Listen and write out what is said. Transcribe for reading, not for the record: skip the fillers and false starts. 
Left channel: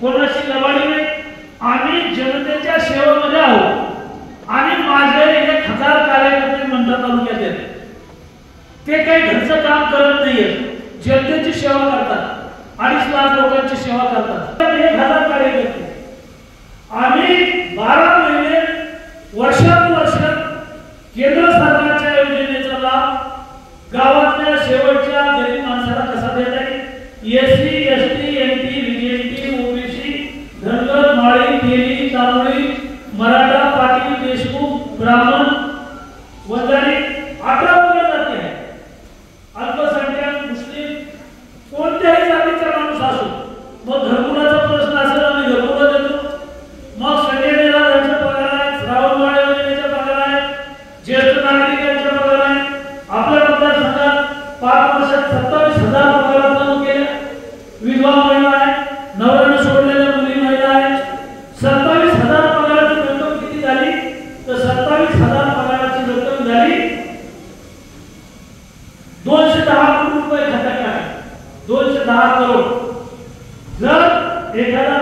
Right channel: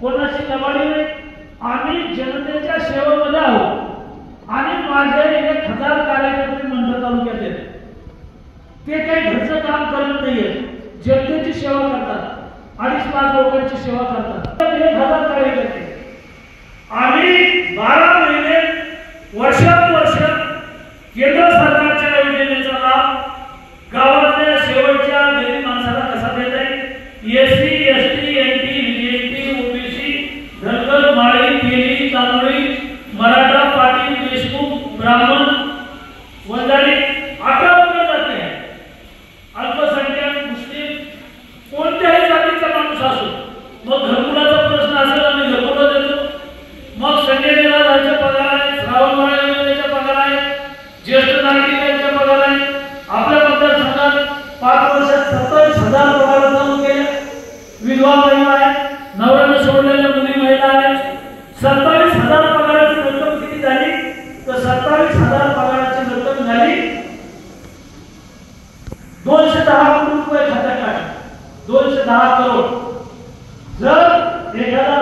कोणाशी लबाडी नाही. आम्ही जनतेच्या सेवेमध्ये आहोत आणि माझे 1000 कार्यकर्ते मंडळ तालुक्यात आहेत. ते काही घरचं काम करत नाहीये, जनतेची सेवा करतात. 2.5 लाख लोकांची सेवा करतात. 1000 कार्यकर्ते आम्ही 12 महिने वर्षानुवर्ष केंद्र सरकारच्या योजनेचा लाभ गावातल्या शेवटच्या गरीब माणसाला कसा देता येईल. SC ST NT BST OBC Dhangar Mali Teli तांबडी मराठा पाटील देशमुख ब्राह्मण वंजारी आक्रमण जाते. अल्पसंख्याक मुस्लिम कोणत्याही जातीचा माणूस असो, मग घरकुलाचा प्रश्न असेल आणि घरकुला देतो. मग संजय निराधारचे पगार आहे, श्रावण माळे योजनेचे पगार आहे, ज्येष्ठ नागरिकांचे पगार आहे. आपल्या मतदारसंघात 5 वर्षात 27,000 पगार चालू केले. विधवा महिला आहे, नवऱ्याने सोडलेल्या मुली महिला आहे. 27,000 पगाराची रक्कम किती झाली तर 27,000 पगाराची रक्कम झाली 210 कोटी रुपये खात्यात. 210 करोड. जर एखादा